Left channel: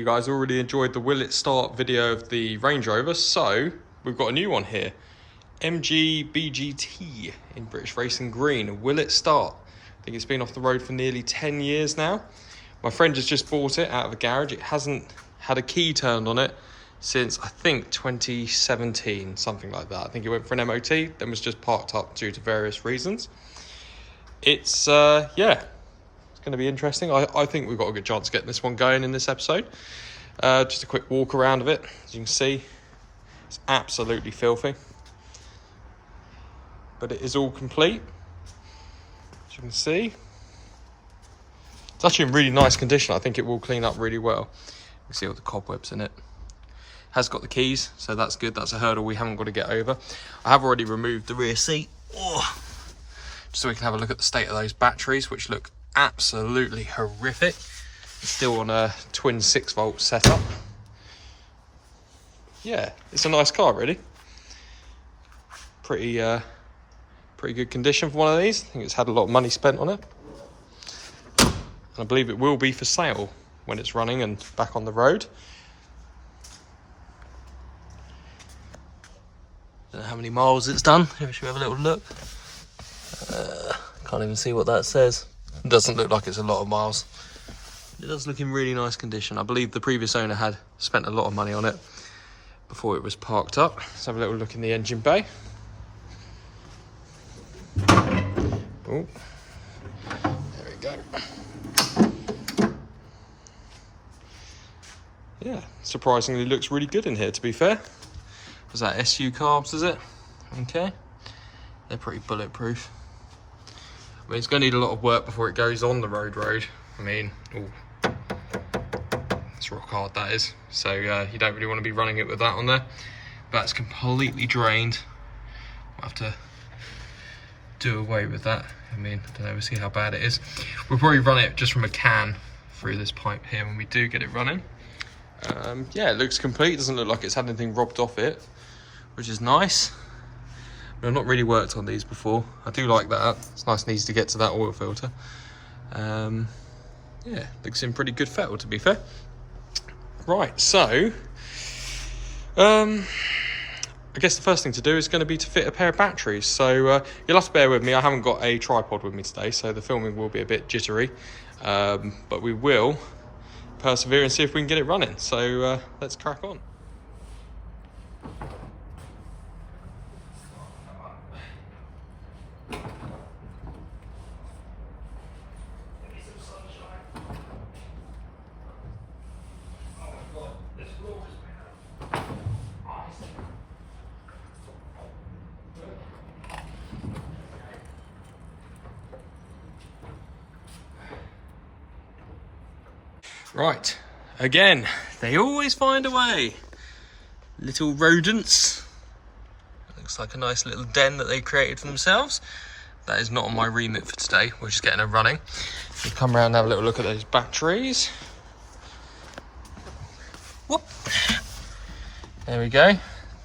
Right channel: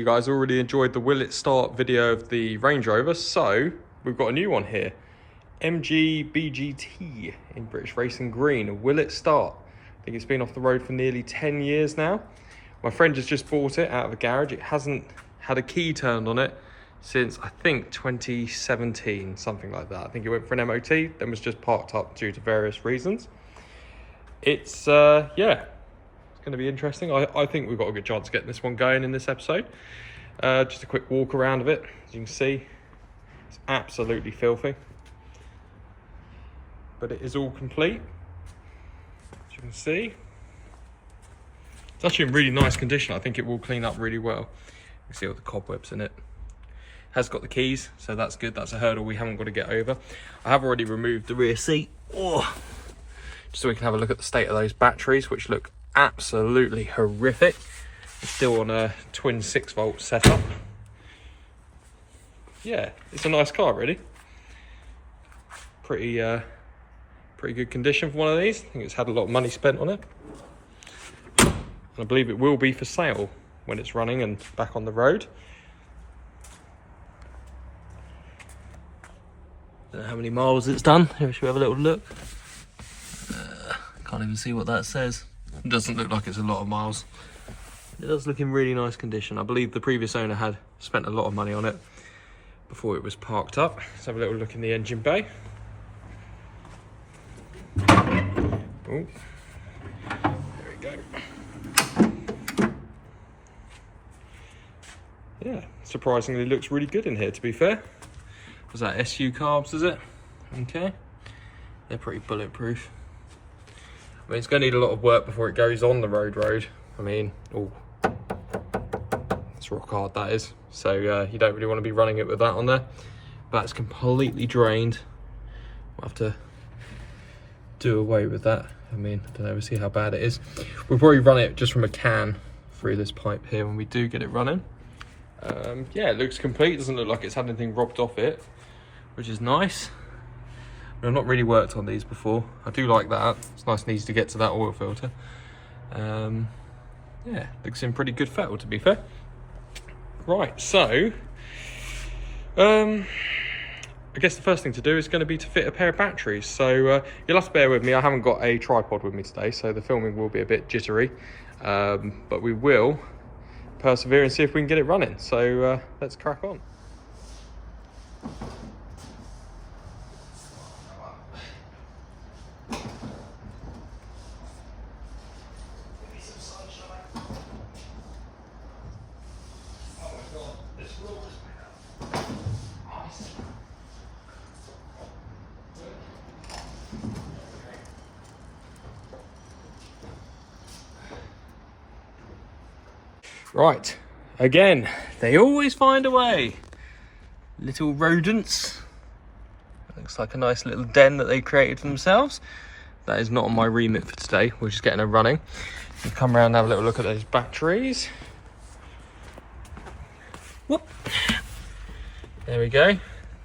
you guys already enjoyed the Will It Start video of the Range Rover, so we've got a new one here. MGBGT in British Racing Green. Will it start? I think it's been off the road for nearly 10 years now. My friend has just bought it out of a garage. It hasn't had a key turned on it since, I think, 2017, something like that. I think it went for an MOT, then was just parked up due to various reasons. It's, yeah, it's going to be interesting. I think we've got a good chance of getting this one going in this episode. Just a quick walk around of it. As you can see, it's absolutely filthy. But it is all complete, as you can see. It's actually in really nice condition. I think it will clean up really well. You can see all the cobwebs in it. Has got the keys, so that's good. That's a hurdle we haven't got to get over. I have already removed the rear seat. Oh, just so we can have a look at the state of those batteries, which look absolutely horrific. It's still on a twin 6-volt setup. Yeah, it's a nice car, really. Pretty good condition for one of these. I think it's had a lot of money spent on it. And I believe it will be for sale when it's running and back on the road. Don't know how many miles it's done. Here, should we have a little look? Can't even see what that says. It doesn't look like it's a lot of miles. It does look in really nice condition. I believe the previous owner had spent a lot of money on it before it was parked up. Let's have a little look in the engine bay. Oh, there we go. Yeah, surprisingly looks really good in here, to be fair. Was that SU carbs, is it? Okay. They're pretty bulletproof. I mean, it's going to need a lot of work before it goes on the road. I mean, oh, it's rock hard, that is. So you don't really want to be running it with that on there. That's completely drained. We'll have to do away with that. I mean, I don't know, we'll see how bad it is. We'll probably run it just from a can through this pipe here when we do get it running. Yeah, it looks complete. Doesn't look like it's had anything robbed off it, which is nice. I've not really worked on these before. I do like that. It's nice and easy to get to that oil filter. Yeah, looks in pretty good fettle, to be fair. Right, so I guess the first thing to do is going to be to fit a pair of batteries. So you'll have to bear with me. I haven't got a tripod with me today, so the filming will be a bit jittery. But we will persevere and see if we can get it running. So let's crack on. Right, again, they always find a way. Little rodents. Looks like a nice little den that they created for themselves. That is not on my remit for today. We're just getting her running. We come around and have a little look at those batteries. Whoop. There we go.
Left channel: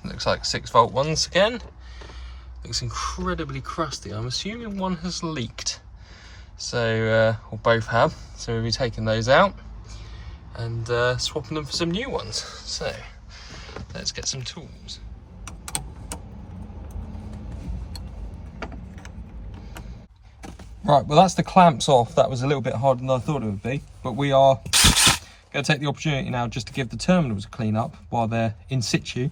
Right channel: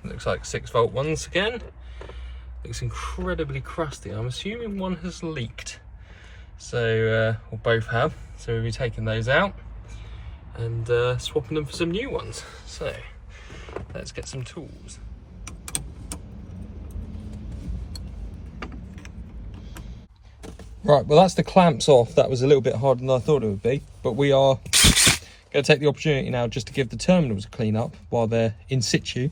Looks like 6-volt ones again. Looks incredibly crusty. I'm assuming one has leaked. So, or both have. So we'll be taking those out and swapping them for some new ones. So let's get some tools. Right, well, that's the clamps off. That was a little bit harder than I thought it would be, but we are going to take the opportunity now just to give the terminals a clean up while they're in situ,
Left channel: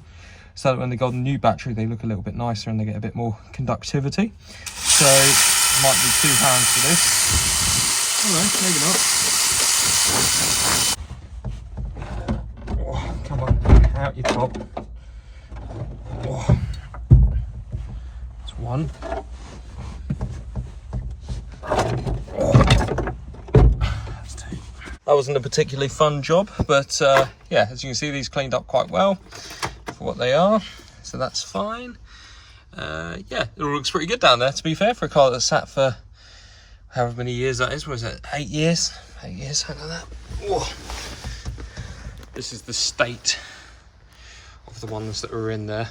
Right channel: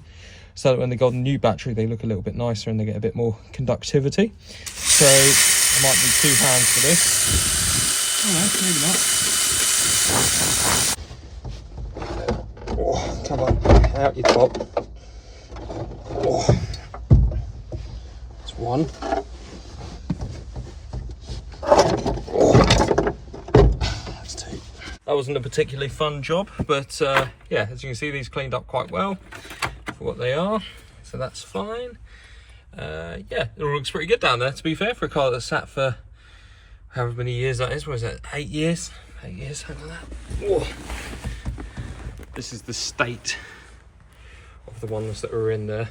so that when they go on the new battery they look a little bit nicer and they get a bit more conductivity. So I might need 2 hands for this. Oh no, maybe not. Oh, come on, out you pop. Oh. That's one. Oh. That's 2. That wasn't a particularly fun job, but yeah, as you can see, these cleaned up quite well for what they are, so that's fine. Yeah, it all looks pretty good down there, to be fair, for a car that sat for however many years that is. What is it, 8 years? 8 years, something like that. Oh. This is the state of the ones that were in there.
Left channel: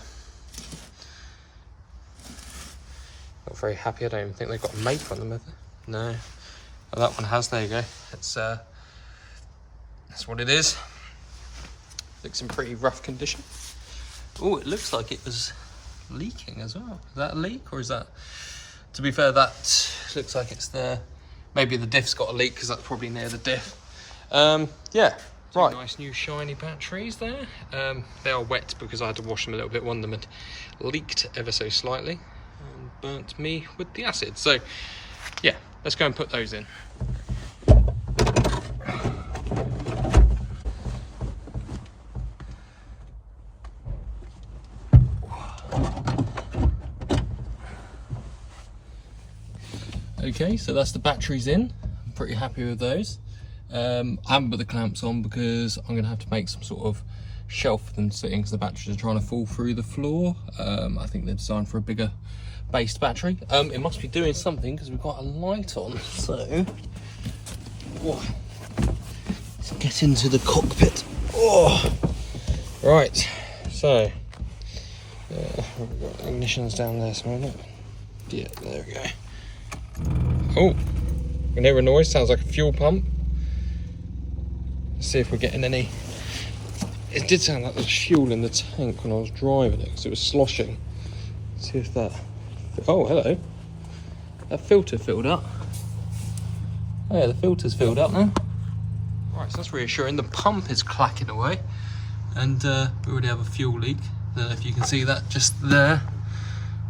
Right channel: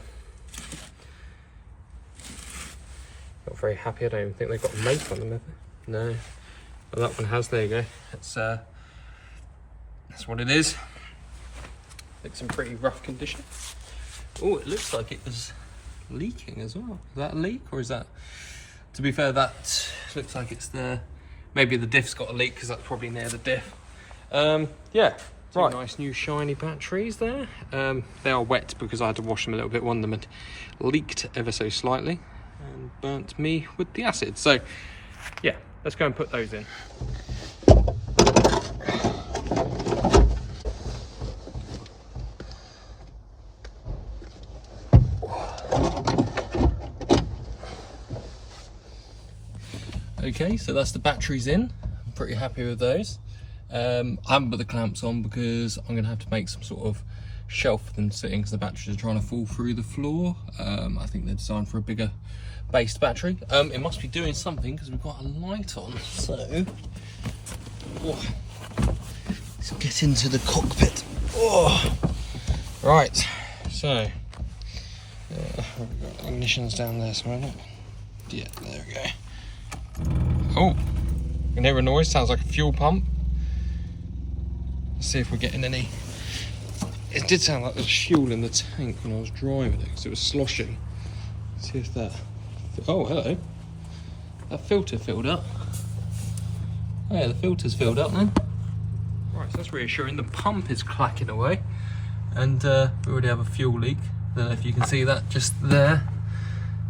Not very happy. I don't even think they've got a make on them, have they? No. Well, that one has. There you go. That's what it is. Looks in pretty rough condition. Oh, it looks like it was leaking as well. Is that a leak, or is that... To be fair, that looks like it's there. Maybe the diff's got a leak because that's probably near the diff. Yeah, right. Nice new shiny batteries there. They are wet because I had to wash them a little bit. One of them had leaked ever so slightly and burnt me with the acid. So, yeah, let's go and put those in. Okay, so that's the batteries in. I'm pretty happy with those. I haven't put the clamps on because I'm going to have to make some sort of shelf for them to sit in because the batteries are trying to fall through the floor. I think they're designed for a bigger based battery. It must be doing something because we've got a light on. So, let's get into the cockpit. Right, so we've got ignitions down there somewhere. Yeah, there we go. Oh, you can hear a noise, sounds like a fuel pump. Let's see if we're getting any. It did sound like there was fuel in the tank when I was driving it because it was sloshing. Let's see if that. Oh, hello. That filter filled up. Oh, yeah, the filter's filled up now. Right, so that's reassuring. The pump is clacking away, and we already have a fuel leak. I don't know if you can see that just there.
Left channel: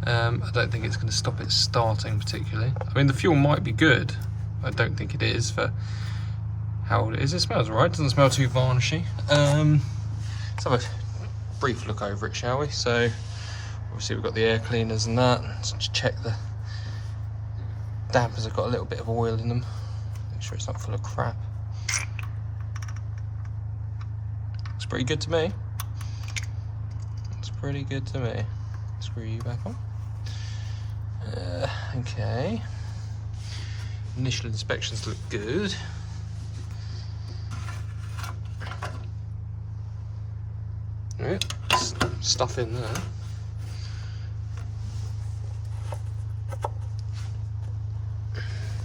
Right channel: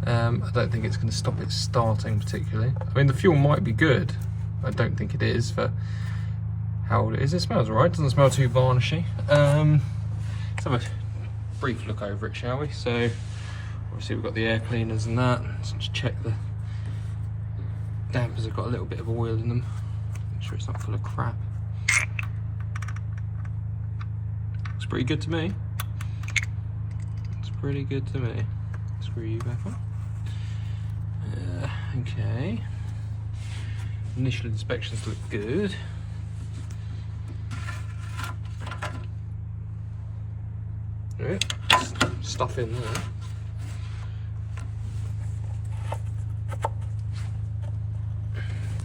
I don't think it's going to stop it starting particularly. I mean, the fuel might be good. I don't think it is for how old it is. It smells alright. Doesn't smell too varnishy. Let's have a brief look over it, shall we? So, obviously we've got the air cleaners and that. Let's just check the dampers have got a little bit of oil in them. Make sure it's not full of crap. Looks pretty good to me. It's pretty good to me. Screw you back on. Okay. Initial inspections look good. Right. Stuff in there.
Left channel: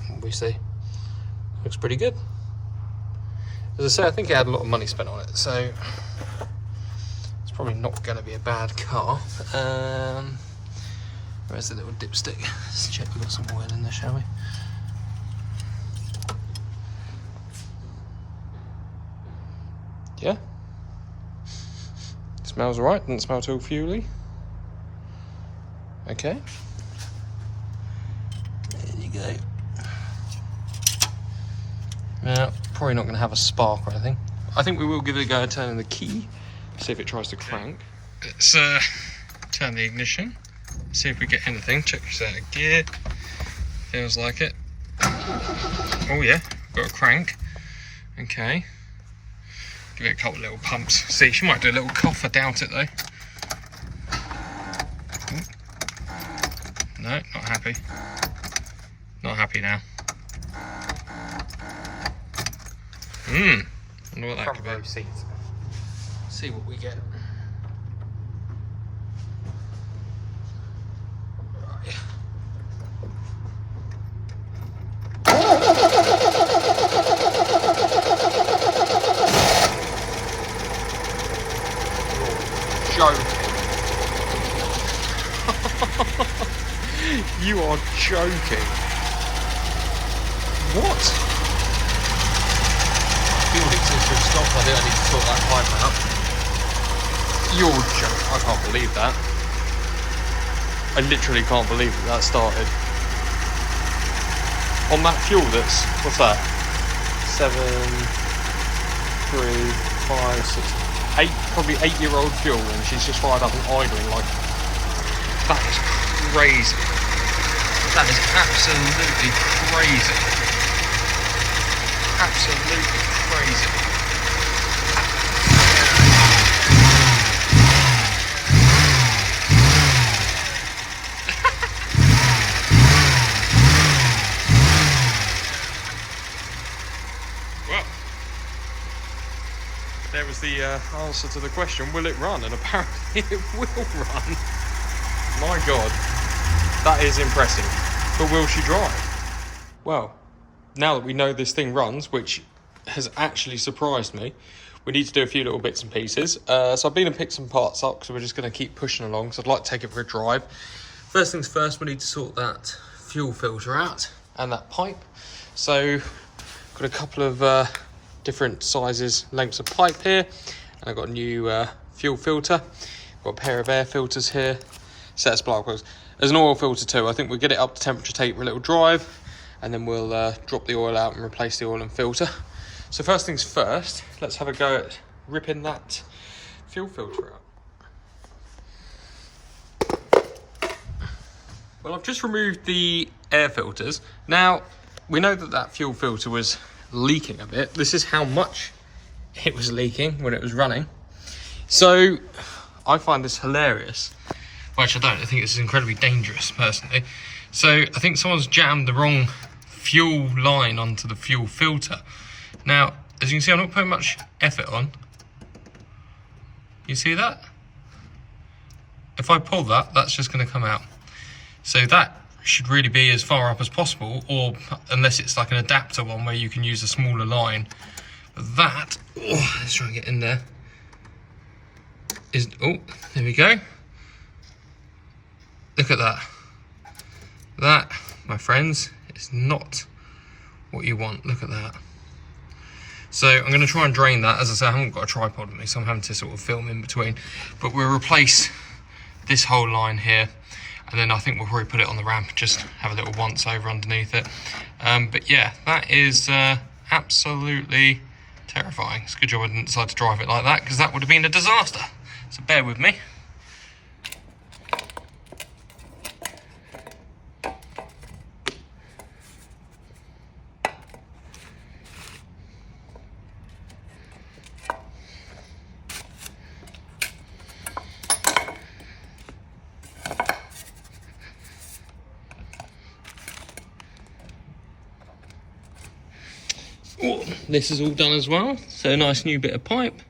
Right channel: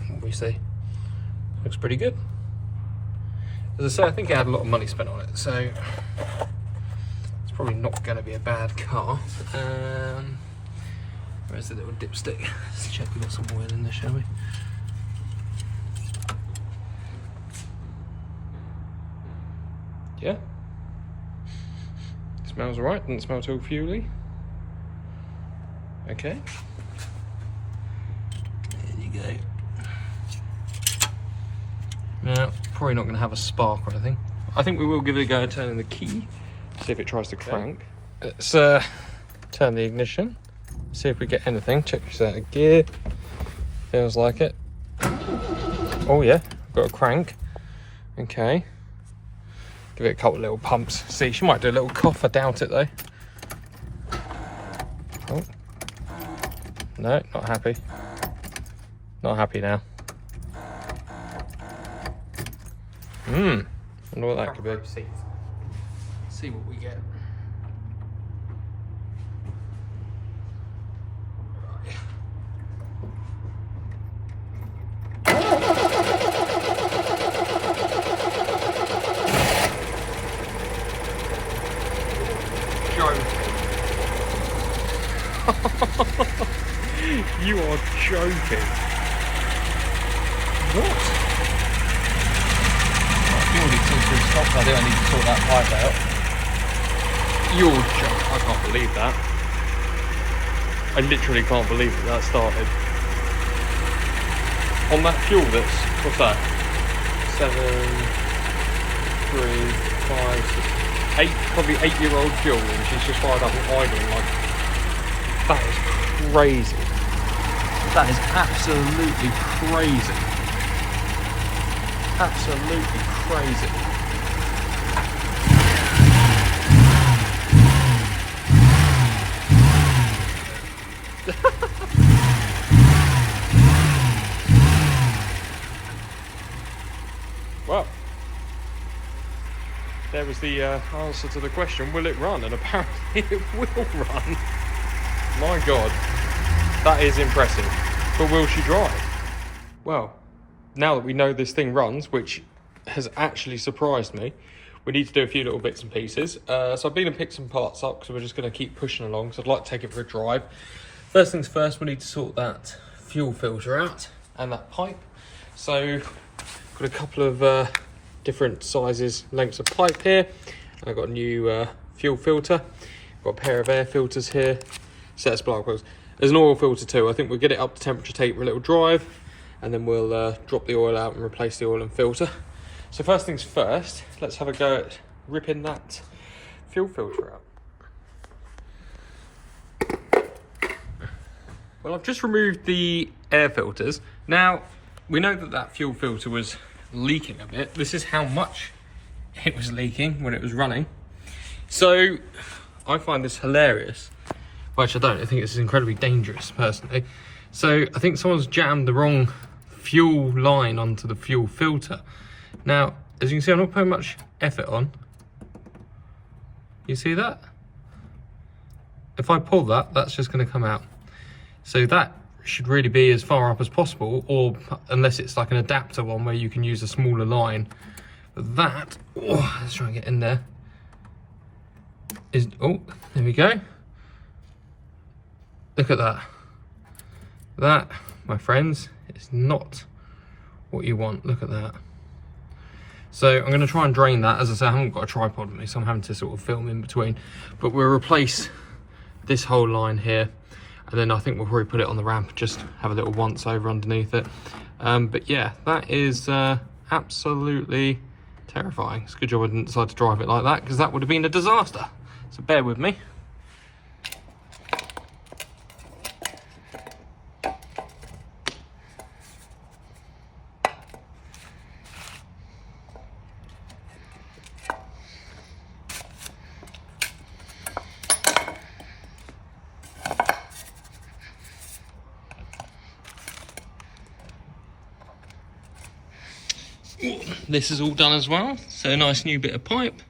What we see? Looks pretty good. As I say, I think it had a lot of money spent on it, so it's probably not going to be a bad car. Where's the little dipstick? Let's check we've got some oil in there, shall we? Yeah. Smells alright, doesn't smell too fuely. Okay. There you go. Now, probably not going to have a spark or anything. I think we will give it a go at turning the key, see if it tries to crank. Let's turn the ignition, see if we get anything. Check this out of gear. Feels like it. Oh yeah, got a crank. Okay. Give it a couple of little pumps. See, she might do a little cough. I doubt it though. Oh. No, not happy. Not happy now. Wonder what that could be. Seats. See what we get. Joking. You are joking. What? Purely to stop, I think I need to sort that pipe out. You're joking. I can't believe that. I literally can't believe that started. On that fuel that's, what's that? 7, 3, 5, 6, 8, probably 8-year-old fuel, and she's just fired up and idling like, that is crazy. That is absolutely crazy. Absolutely crazy. Well, there was the answer to the question, will it run? And apparently it will run. My God, that is impressive. But will she drive? Well, now that we know this thing runs, which has actually surprised me. We need to do a few little bits and pieces. So I've been and picked some parts up, so we're just going to keep pushing along. So I'd like to take it for a drive. First things first, we need to sort that fuel filter out and that pipe. So got a couple of different sizes, lengths of pipe here. And I've got a new fuel filter. Got a pair of air filters here. Set of spark plugs. There's an oil filter too. I think we'll get it up to temperature, take it for a little drive, and then we'll drop the oil out and replace the oil and filter. So first things first, let's have a go at ripping that fuel filter out. Well, I've just removed the air filters. Now, we know that that fuel filter was leaking a bit. This is how much it was leaking when it was running. So I find this hilarious. Well, actually, I don't. I think this is incredibly dangerous, personally. So I think someone's jammed the wrong fuel line onto the fuel filter. Now, as you can see, I'm not putting much effort on. You see that? If I pull that, that's just going to come out. So that should really be as far up as possible, or unless it's like an adapter one where you can use a smaller line. But that, oh, let's try and get in there. Oh, there we go. Look at that. That, my friends, is not what you want. Look at that. So I'm going to try and drain that. As I say, I haven't got a tripod with me, so I'm having to sort of film in between. But we'll replace this whole line here, and then I think we'll probably put it on the ramp, just have a little once over underneath it. But yeah, that is absolutely terrifying. It's a good job I didn't decide to drive it like that, because that would have been a disaster. So bear with me. Oh, this is all done as well. So a nice new bit of pipe.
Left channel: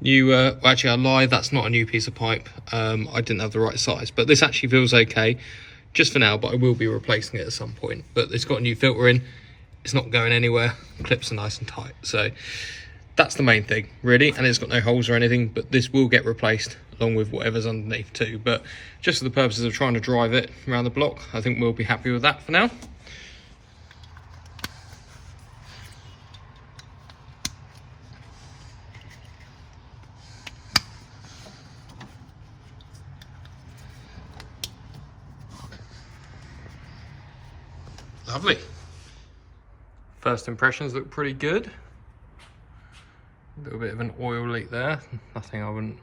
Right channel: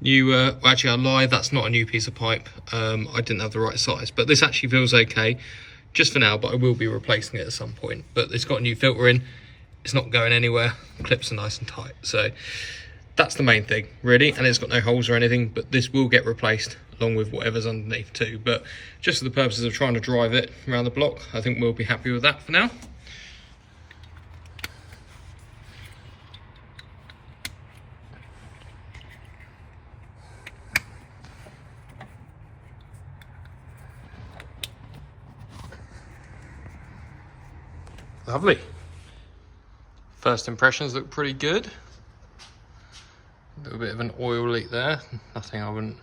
New, well, actually I lied, that's not a new piece of pipe. I didn't have the right size, but this actually feels okay just for now, but I will be replacing it at some point. But it's got a new filter in, it's not going anywhere, clips are nice and tight. So that's the main thing really, and it's got no holes or anything, but this will get replaced along with whatever's underneath too. But just for the purposes of trying to drive it around the block, I think we'll be happy with that for now. Lovely. First impressions look pretty good. A little bit of an oil leak there. Nothing I wouldn't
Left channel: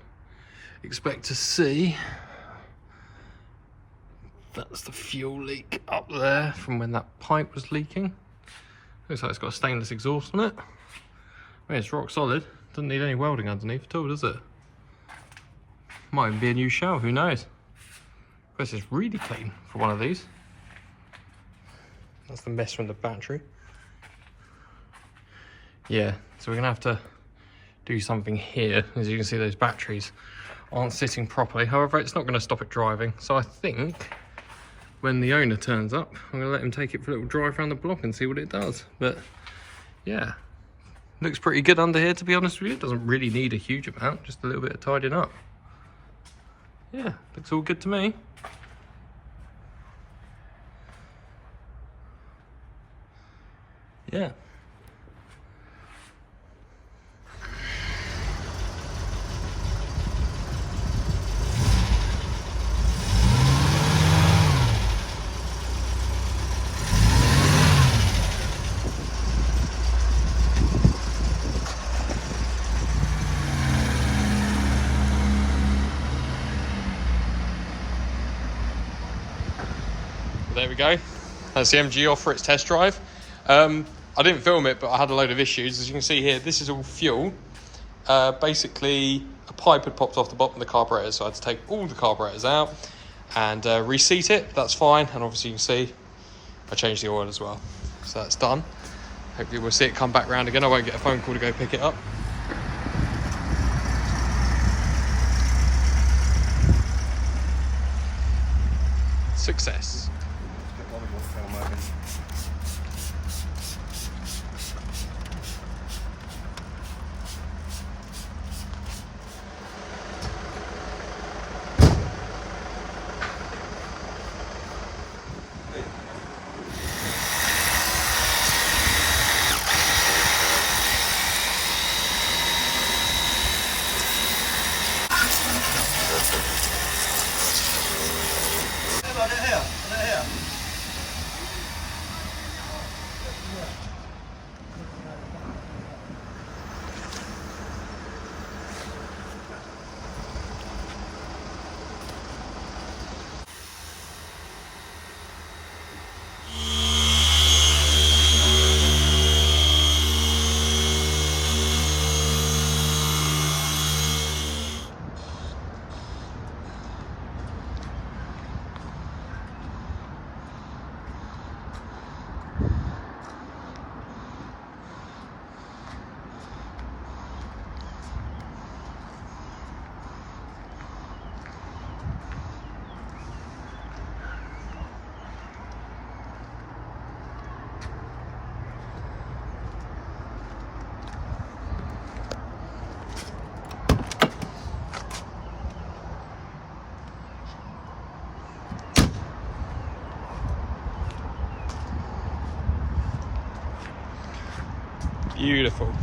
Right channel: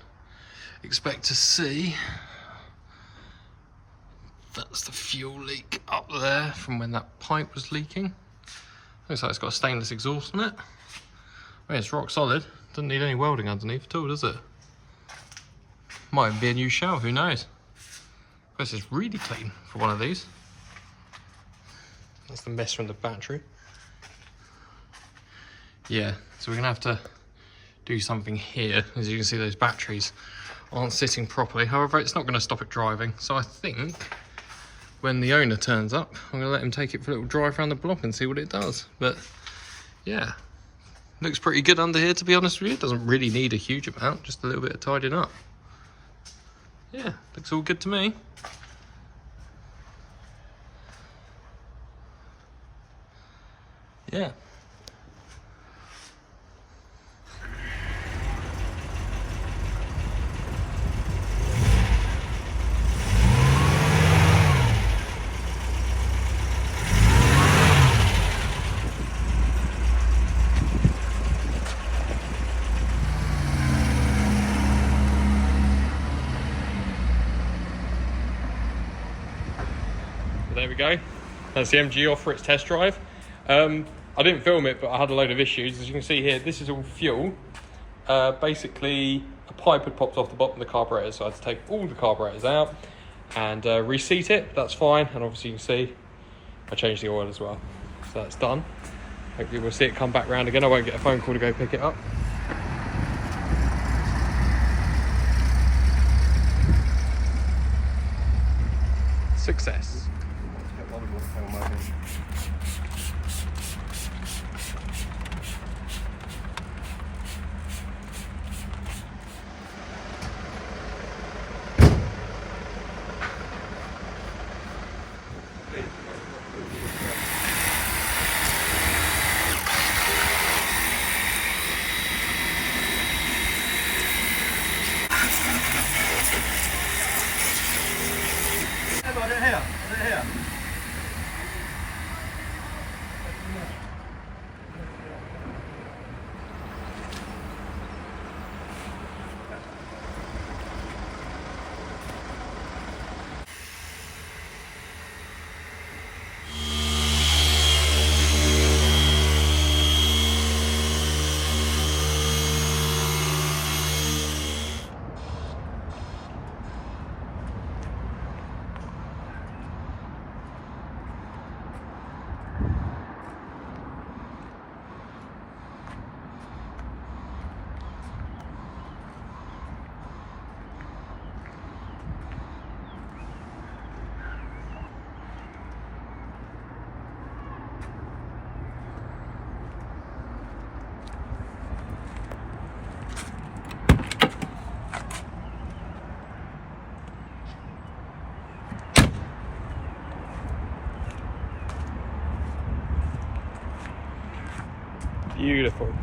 expect to see. That's the fuel leak up there from when that pipe was leaking. Looks like it's got a stainless exhaust on it. I mean, it's rock solid. Doesn't need any welding underneath at all, does it? Might even be a new shell, who knows? This is really clean for one of these. That's the mess from the battery. Yeah, so we're gonna have to do something here. As you can see, those batteries aren't sitting properly. However, it's not gonna stop it driving. So I think when the owner turns up, I'm gonna let him take it for a little drive around the block and see what it does. But yeah, looks pretty good under here, to be honest with you. It doesn't really need a huge amount, just a little bit of tidying up. Yeah, looks all good to me. Yeah. There we go. That's the MG off for its test drive. I didn't film it, but I had a load of issues. As you can see here, this is all fuel. Basically, a pipe had popped off the bottom of the carburetor, so I had to take all the carburetors out and reseat it. That's fine, and obviously you can see I changed the oil as well. So that's done. Hopefully we'll see it come back round again. I won't get a phone call to go pick it up. Success. Beautiful.